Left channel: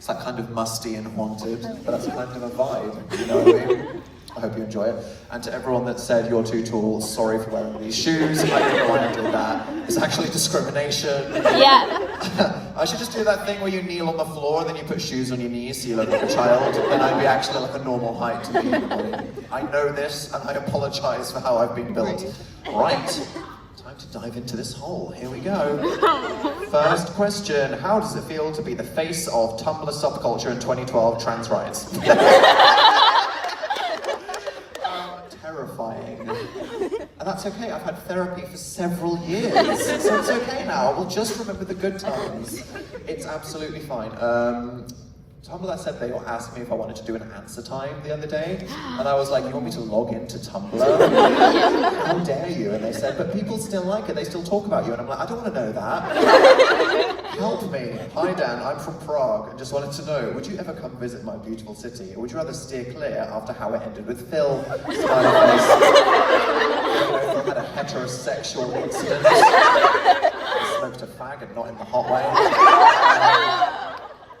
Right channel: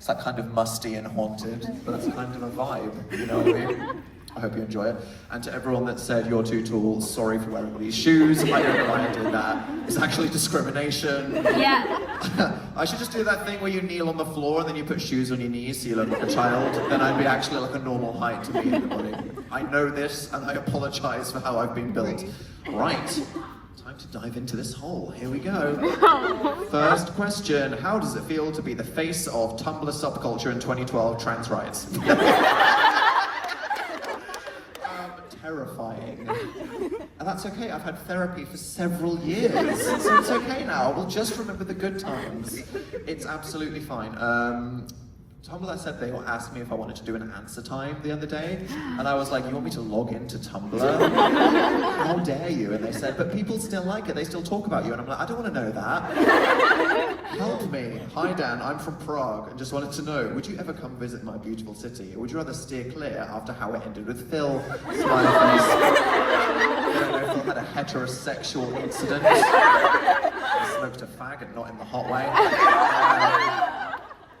It's like kind of musty and haunted, but that's kind of a vibe, you know what I mean? I hope you enjoy it. And to everyone that said you're too tall, sorry for wearing these shoes. I don't know why I did that. It's actually discrimination. Yeah. I should just do that thing where you kneel on the floor and then you put shoes on your knees so you look like a child. Then I'd be actually like a normal height to be anybody. I know this and I apologize for how I've been built. Right, time to dive into this hole. Here we go. First question, how does it feel to be the face of Tumblr subculture in 2012 trans rights? Terrifying. And that's okay, I've had therapy for several years, so it's okay now. We'll just remember the good times. It's absolutely fine. Tumblr said they asked me if I wanted to do an answer time the other day, and I was like, you want me to log into Tumblr? How dare you? And they said, but people still like it, they still talk about you. And I'm like, I don't want to know that. Help me. Hi Dan, I'm from Prague, and just wanted to know, would you ever come visit my beautiful city, or would you rather steer clear after how it ended with Phil? Smiley face. I don't know if I had a heterosexual incident. I smoked a fag and not in the hot way.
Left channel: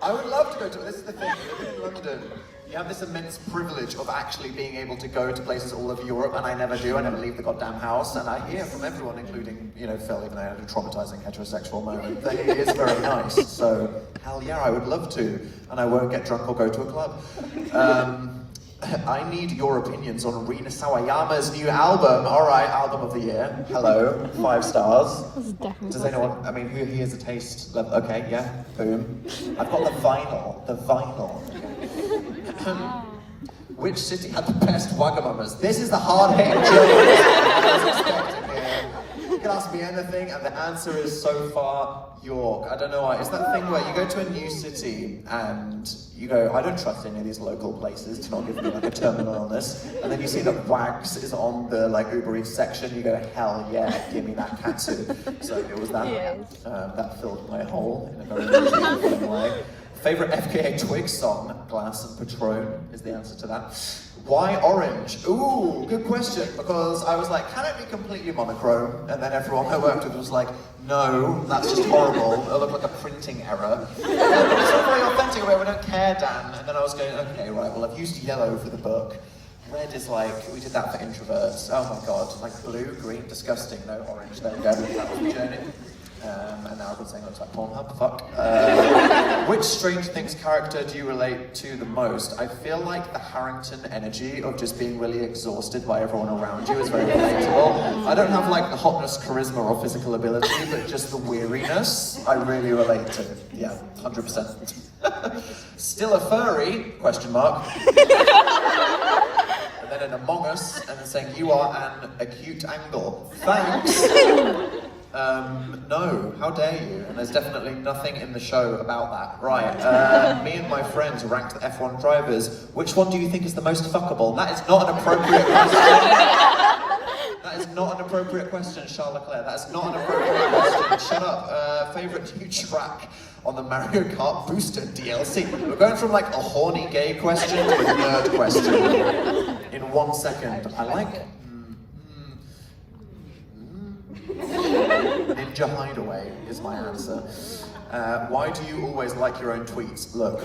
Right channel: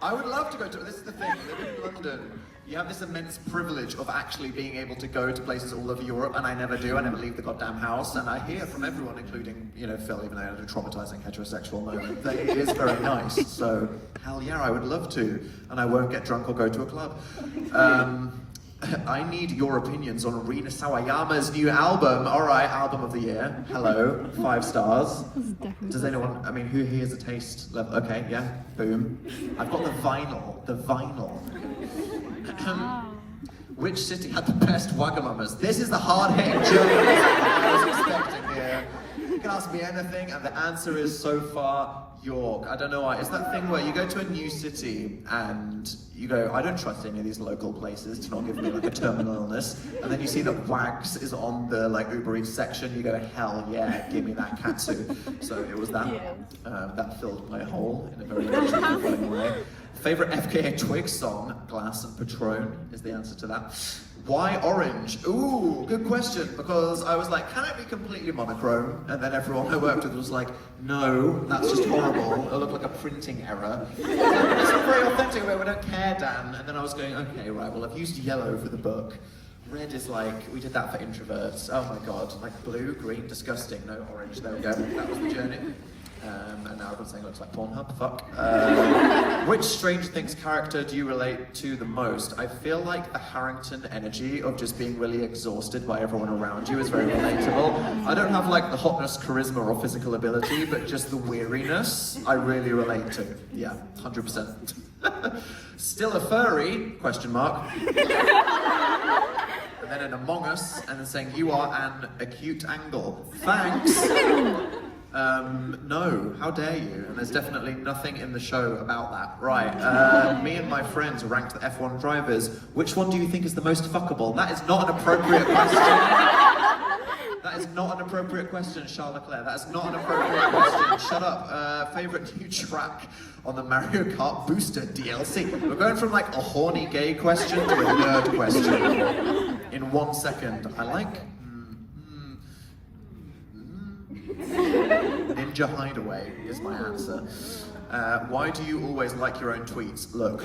I would love to go to, this is the thing, living in London, you have this immense privilege of actually being able to go to places all over Europe, and I never do, I never leave the goddamn house, and I hear from everyone, including, you know, Phil, even though I had a traumatizing heterosexual moment, that it is very nice, so hell yeah, I would love to, and I won't get drunk or go to a club. I need your opinions on Rina Sawayama's new album. All right, album of the year. Hello, 5 stars. Does anyone, I mean, who here's a taste level? Okay, yeah, boom. I've got the vinyl, Which city had the best Wagamamas? This is the hard-hitting journalist I was expecting here. You can ask me anything, and the answer is so far York. I don't know why. It's that thing where you go to a new city and you go, I don't trust any of these local places to not give me like a terminal illness. And then you see that Wags is on the like Uber Eats section. You go, hell yeah, give me that katsu. So it was that. That filled my hole in a very fulfilling way. Favorite FKA Twigs song? Glass and Patron is the answer to that. Why orange? Ooh, good question, because I was like, can it be completely monochrome? And then everyone I worked with was like, no, that's just horrible. It'll look like a printing error. Yeah, but it's not very authentic way, we don't care, Dan. And then I was going, okay, right, well, I've used yellow for the book. Red is like, we did that for introverts. Oh my god, like blue, green, disgusting. No, orange, there we go. That was the journey. And now everyone's saying it looks like Pornhub, fuck. Which Stranger Things character do you relate to the most? I feel like the Harrington energy of just being really exhausted by everyone around you is very relatable. I don't have like the hotness, charisma, or physical ability, but just the weariness I really relate to. Yeah, 100%. Still a furry? Question mark. And then an Among Us, and then saying, you are an acute angle. Thanks. No, how dare you? And there's definitely nothing in the show about that. Right, me and my friends ranked the F1 drivers. Which one do you think is the most fuckable? That is not an appropriate question. That is not an appropriate question, Charles Leclerc. That is not an appropriate question. Shut up. Favorite new track on the Mario Kart Booster DLC? We're going from like a horny gay question to a nerd question in 1 second. I like Ninja Hideaway is my answer. Why do you always like your own tweets? Look.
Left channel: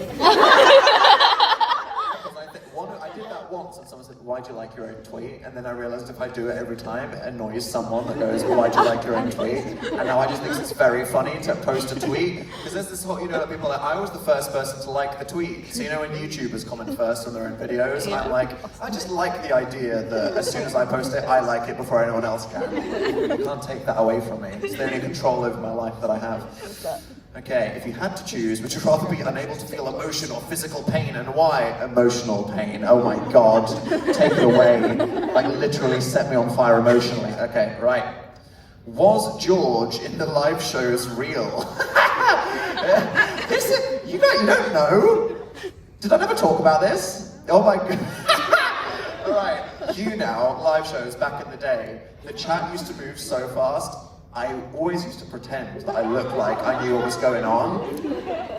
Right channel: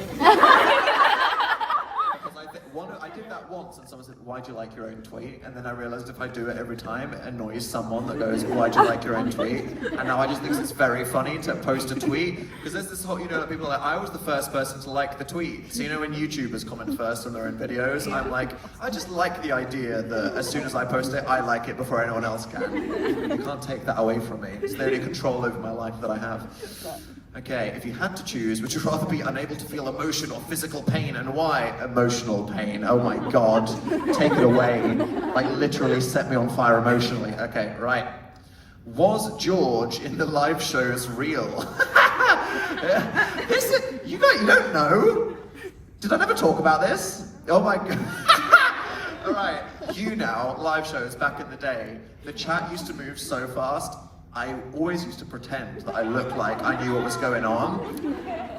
I did that once and someone said, why do you like your own tweet? And then I realized if I do it every time, it annoys someone that goes, why do you like your own tweet? And now I just think it's very funny to post a tweet. Because there's this whole, you know, people are like, I was the first person to like the tweet. So you know when YouTubers comment first on their own videos, I'm like, I just like the idea that as soon as I post it, I like it before anyone else can. You can't take that away from me. It's the only control over my life that I have. Okay, if you had to choose, would you rather be unable to feel emotion or physical pain, and why? Emotional pain. Oh my god, take it away. Like literally set me on fire emotionally. Okay, right. Was George in the live shows real? You don't know? Did I never talk about this? Oh my god. Alright, you now, live shows back in the day, the chat used to move so fast. I always used to pretend that I looked like I knew what was going on.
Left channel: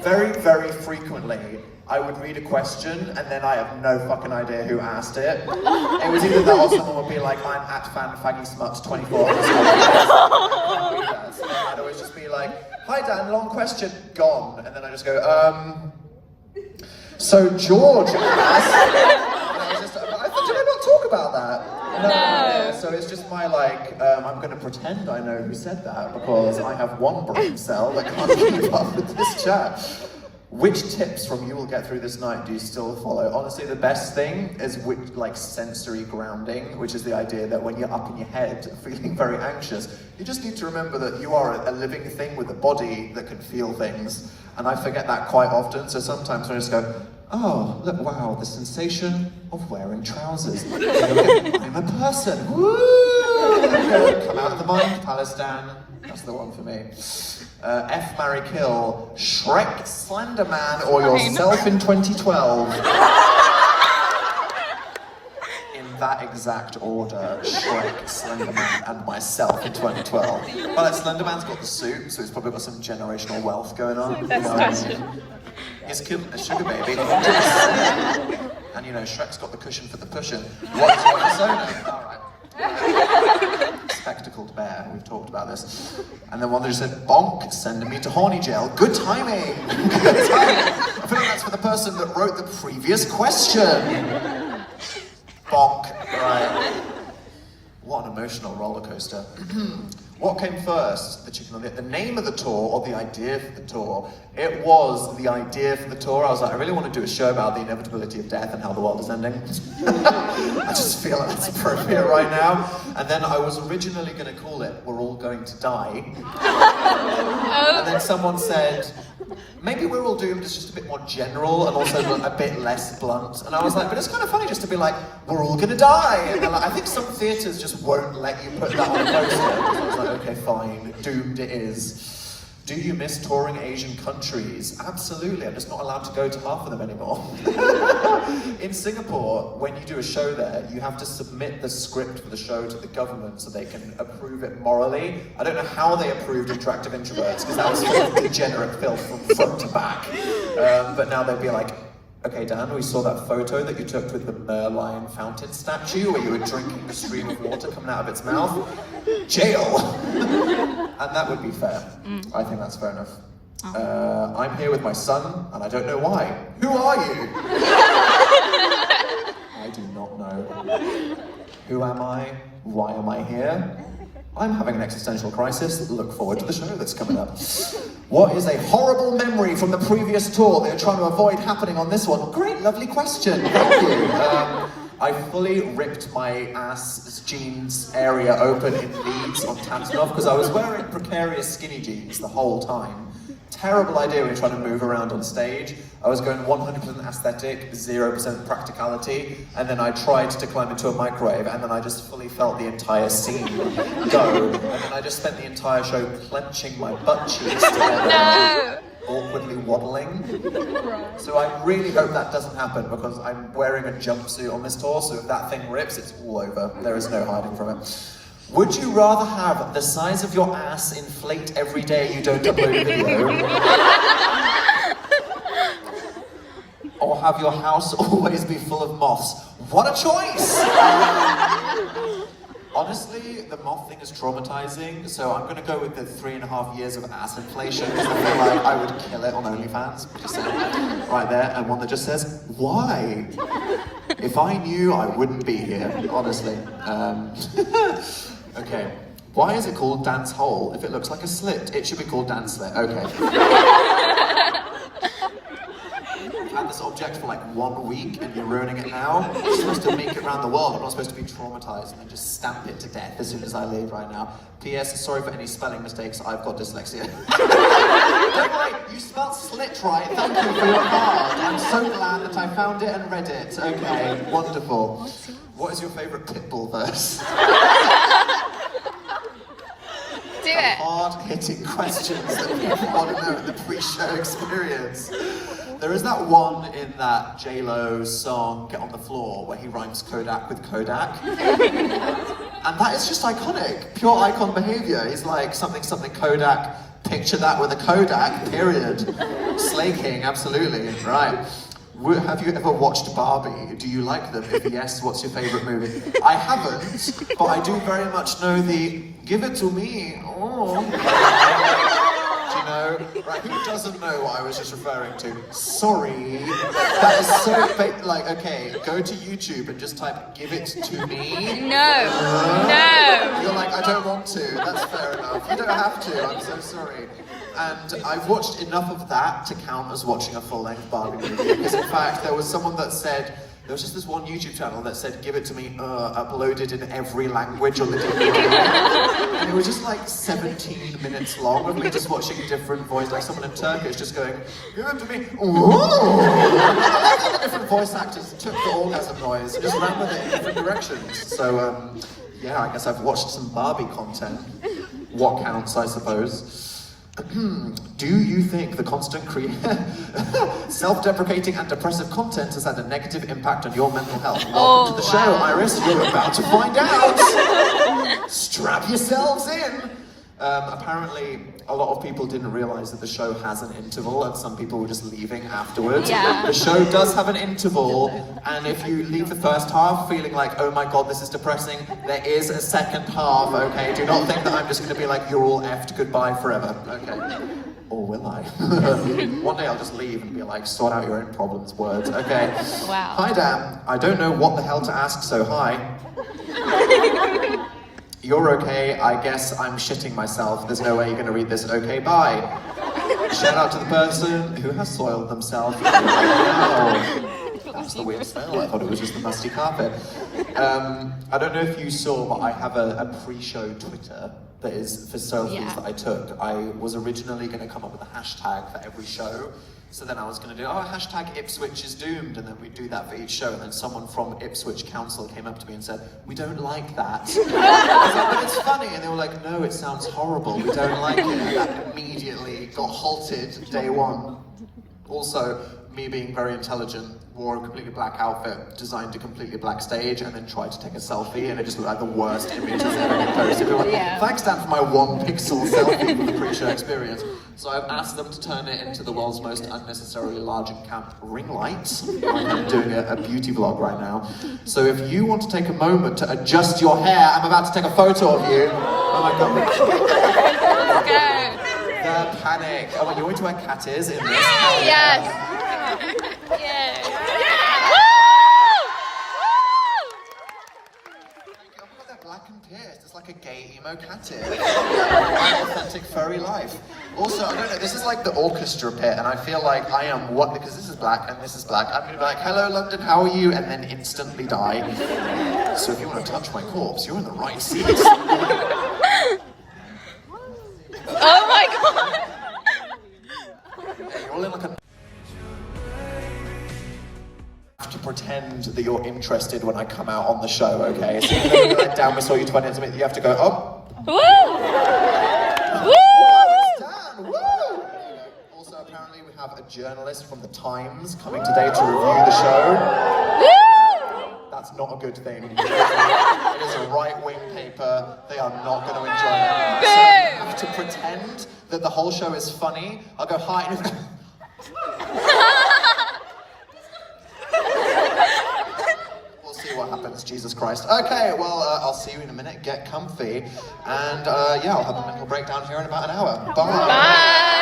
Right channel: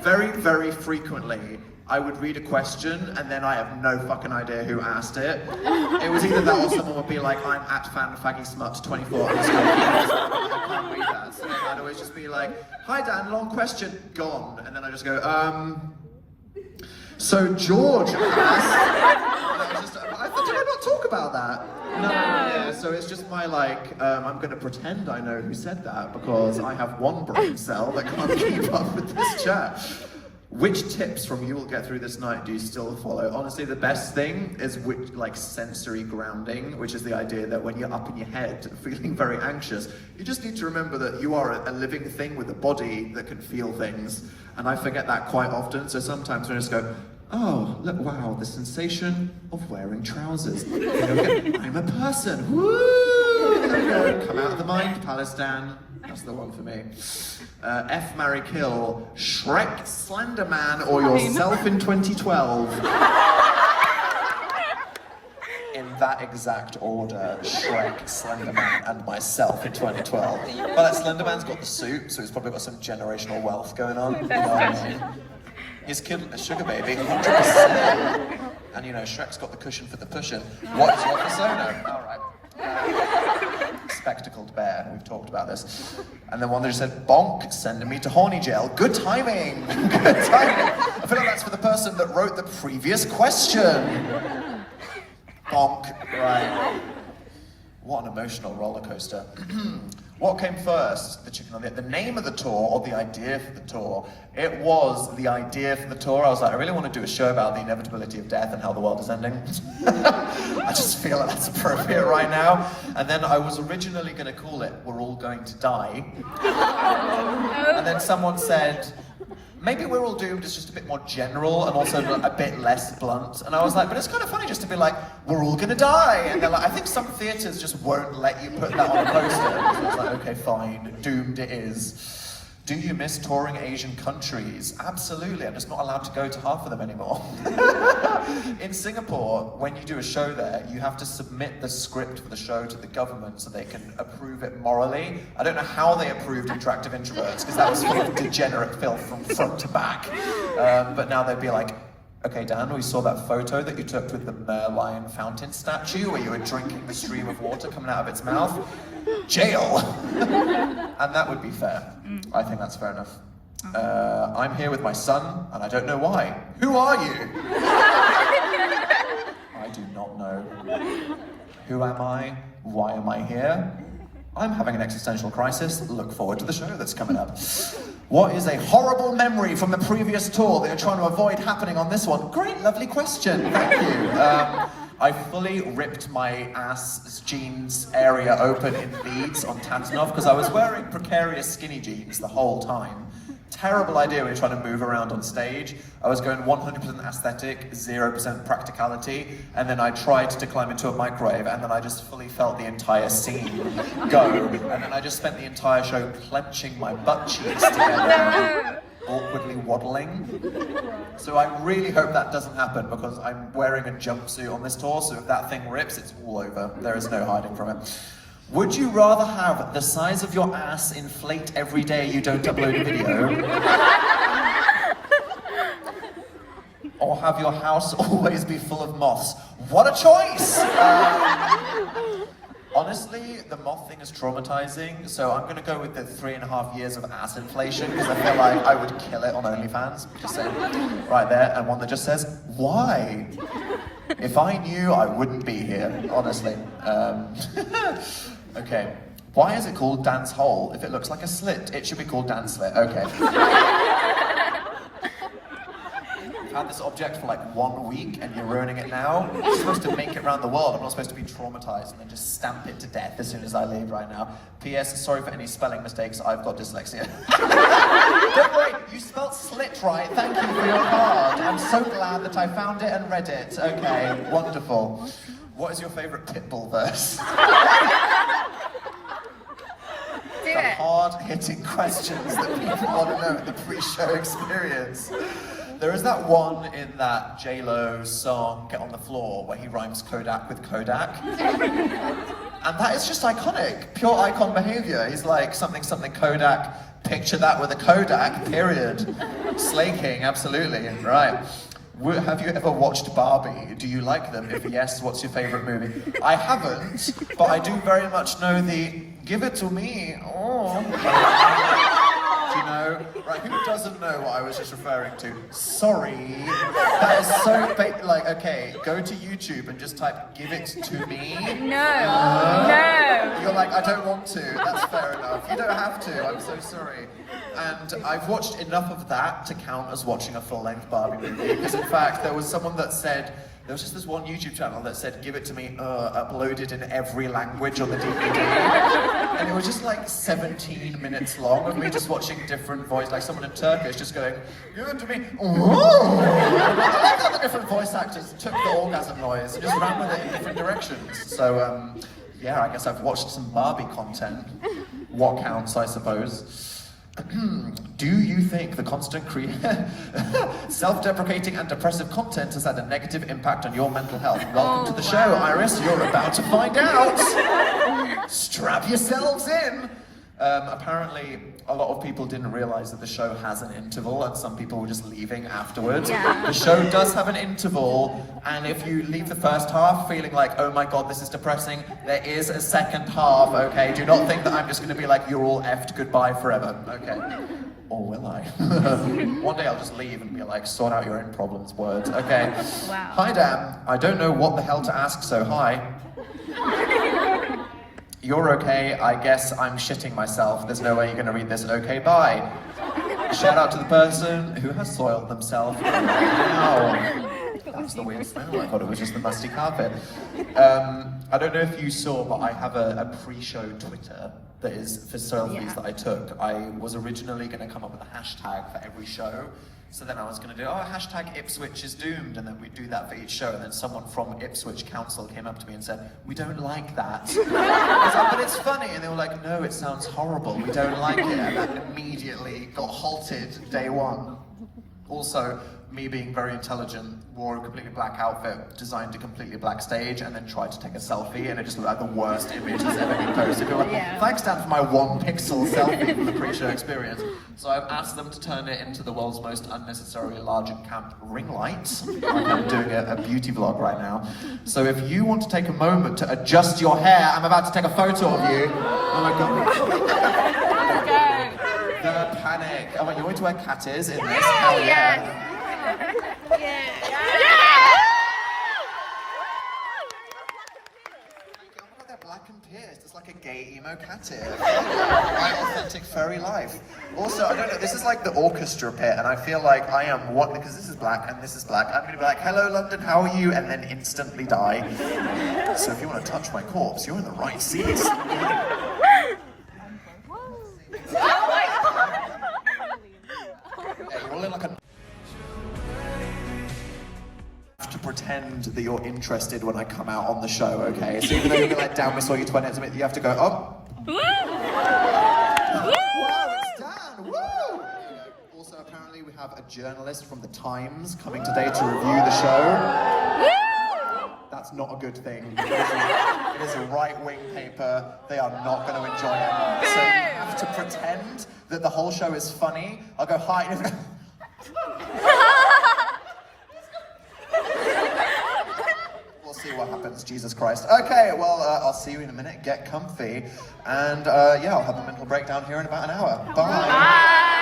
Very, very frequently, I would read a question and then I have no fucking idea who asked it. It was either that or someone would be like, I'm at fanfaggysmut24 on the school. I can't read that. So I'd always just be like, hi Dan, long question, gone. And then I just go, So George asked, did I not talk about that? No. Yeah, so it's just my I'm going to pretend I know who said that because I have one brain cell that can't keep up with this chat. Which tips from You Will Get Through This Night do you still follow? Honestly, the best thing is sensory grounding, which is the idea that when you're up in your head feeling very anxious, you just need to remember that you are a living thing with a body that can feel things. And I forget that quite often, so sometimes I just go, oh, look, wow, the sensation of wearing trousers. I'm a person, woo! Okay, come out of the mind, Palestine. That's the one for me. F, marry, kill, Shrek, Slenderman, or yourself in 2012. In that exact order, Shrek, Slenderman, and myself in 2012. Well, Slenderman's got the suit, so he's probably got some generational wealth going on. Best question. He's killed a sugar baby. 100%. And Shrek's got the cushion for the pushing. What is your persona? All right. Spectacled bear, we've talked about this. And then one that just said, bonk, sending me to horny jail. Good timing. Good timing. I feel like that's for the person that wrote the previous question. Bonk, right. What an emotional roller coaster. What came first, the chicken or the name of the tour or the idea for the tour? It was the idea for the tour. I was like, I really want to do a show about the inevitability of death and how the world is ending. I just feel like that's appropriate right now. And then I was originally going to call it We're All Going to Die. And then someone said, maybe We're All Doomed is just a bit more general and also a bit less blunt. And I was like, but it's kind of funny just to be like, we're all gonna die. And they're like, I think some theatres just won't let you put that on a poster. So I was like, okay, fine, doomed it is. Do you miss touring Asian countries? Absolutely, I'm just not allowed to go to half of them anymore. In Singapore, when you do a show there, you have to submit the script for the show to the government so they can approve it morally. I don't know how they approved Interactive Introverts, because that was full of degenerate filth from front to back. But now they'd be like, okay, Dan, we saw that photo that you took with the Merlion fountain statue where you were drinking the stream of water coming out of its mouth. Jail! And that would be fair. I think that's fair enough. I'm here with my son, and I don't know why. Who are you? I do not know. Who am I? Why am I here? I'm having an existential crisis. Look forward to the show that's coming up. What is a horrible memory from the previous tour that you're trying to avoid happening on this one? Great, lovely question. Thank you. I fully ripped my ass jeans area open in Leeds on Tatanov because I was wearing precarious skinny jeans the whole time. Terrible idea when you're trying to move around on stage. I was going 100% aesthetic, 0% practicality, and then I tried to climb into a microwave, and then I just fully felt the entire scene go, and then I just spent the entire show clenching my butt cheeks together. No! Awkwardly waddling. So I really hope that doesn't happen because I'm wearing a jumpsuit on this tour, so if that thing rips, it's all over. There is no hiding from it. Would you rather have the size of your ass inflate every day you don't upload a video? Or have your house always be full of moths? What a choice! Honestly, the moth thing is traumatizing, so I'm gonna go with the 3.5 years of ass inflation, because I feel like I would kill it on OnlyFans, just saying. Right there, and one that just says, why? If I knew, I wouldn't be here, honestly. Okay, why is it called Dance Hole? If it looks like a slit, it should be called Dance Slit, okay. I've had this object for like 1 week and you're ruining it now. I'm supposed to make it around the world. I'm not supposed to be traumatized and then just stamp it to death as soon as I leave right now. P.S. Sorry for any spelling mistakes. I've got dyslexia. Don't worry, you spelled slit right. Thank you for your card. I'm so glad that I found it and read it. Okay, wonderful. What is your favorite Pitbull verse? Do it. Hard-hitting questions that people want to know in the pre-show experience. There is that one in that J-Lo song, Get on the Floor, where he rhymes Kodak with Kodak. And that is just iconic, pure icon behavior. He's like, something, something Kodak, picture that with a Kodak, period. Slay King, absolutely, right. Have you ever watched Barbie? Do you like them? If yes, what's your favorite movie? I haven't, but I do very much know the, give it to me, oh. you know? Right, who doesn't know what I was just referring to? Sorry. That is so like, okay, go to YouTube and just type, give it to me. No. No. You're like, I don't want to. That's fair enough. You don't have to. I'm so sorry. And I've watched enough of that to count as watching a full-length Barbie movie. Because in fact, there was someone that said, there was just this one YouTube channel that said, give it to me, uploaded in every language on the DVD. And it was just like 17 minutes long of me just watching different voices, like someone in Turkish just going, give it to me, ooh. I like how the different voice actors took the orgasm noise and just ran with it in different directions. So, yeah, I guess I've watched some Barbie content. What counts, I suppose. Do you think the constant self-deprecating and depressive content has had a negative impact on your mental health? Welcome to the show, Iris. You're about to find out. Strap yourselves in. Apparently, a lot of people didn't realize that the show has an interval, and some people were just leaving afterwards. Yeah. The show does have an interval, and if you leave the first half feeling like, oh my god, this is depressing, there is a second half, okay? Do not think that I'm just going to be like, you're all effed, goodbye forever, okay? Or will I? One day I'll just leave and be like, sort out your own problems, words, okay? Wow. Hi, Dan. I don't know what the hell to ask, so hi. You're okay, I guess I'm shitting myself. There's no way you're gonna read this. Okay, bye. Shout out to the person who has soiled themselves right now. That's the weird smell. I thought it was just the musty carpet. I don't know if you saw, but I have a pre-show Twitter that is for selfies that I took. I was originally gonna come up with a hashtag for every show. So then I was going to do, hashtag Ipswich is doomed, and then we'd do that for each show, and then someone from Ipswich Council came up to me and said, we don't like that. I was like, but it's funny, and they were like, no, it sounds horrible, we don't like it, and that immediately got halted day one. Also, me being very intelligent, wore a completely black outfit, designed a completely black stage, and then tried to take a selfie, and it just looked like the worst image that's ever been posted. Like, thanks, Dan, for my 1 pixel selfie for the pre-show experience. So I've asked them to turn it into the world's most unnecessarily large and camp ring light, like I'm doing a beauty vlog right now. So if you want to take a moment to adjust your hair, I'm about to take a photo of you. Oh my god. Let's go. The panic. Oh, you're going to wear cat ears in this? Hell Yes. yeah. Yeah. They're black and pierced. It's like a gay emo cat ear. My authentic furry life. Also, I don't know, this is like the orchestra pit, and I feel like I am what, because this is black and this is black, I'm gonna be like, hello London, how are you? And then instantly die. So if you want to touch my corpse, you're in the right seat. Oh my god. Hey, you're all in like a... to pretend that you're interested when I come out on the show, okay? So even though you're like, down, we saw you 20 minutes, you have to go, oh. Woo! Woo! It's Dan, woo! Also, apparently we have a journalist from the Times coming today to review the show. Woo! That's not a good thing. It is a right-wing paper. They are not going to enjoy it. Boo! So you have to pretend that the whole show is funny. I'll go, hi, and we'll see what happens, Jesus Christ. Okay, well, I'll see you in a minute. Get comfy. And yeah, I'll have a mental breakdown here in about an hour. Bye. Bye.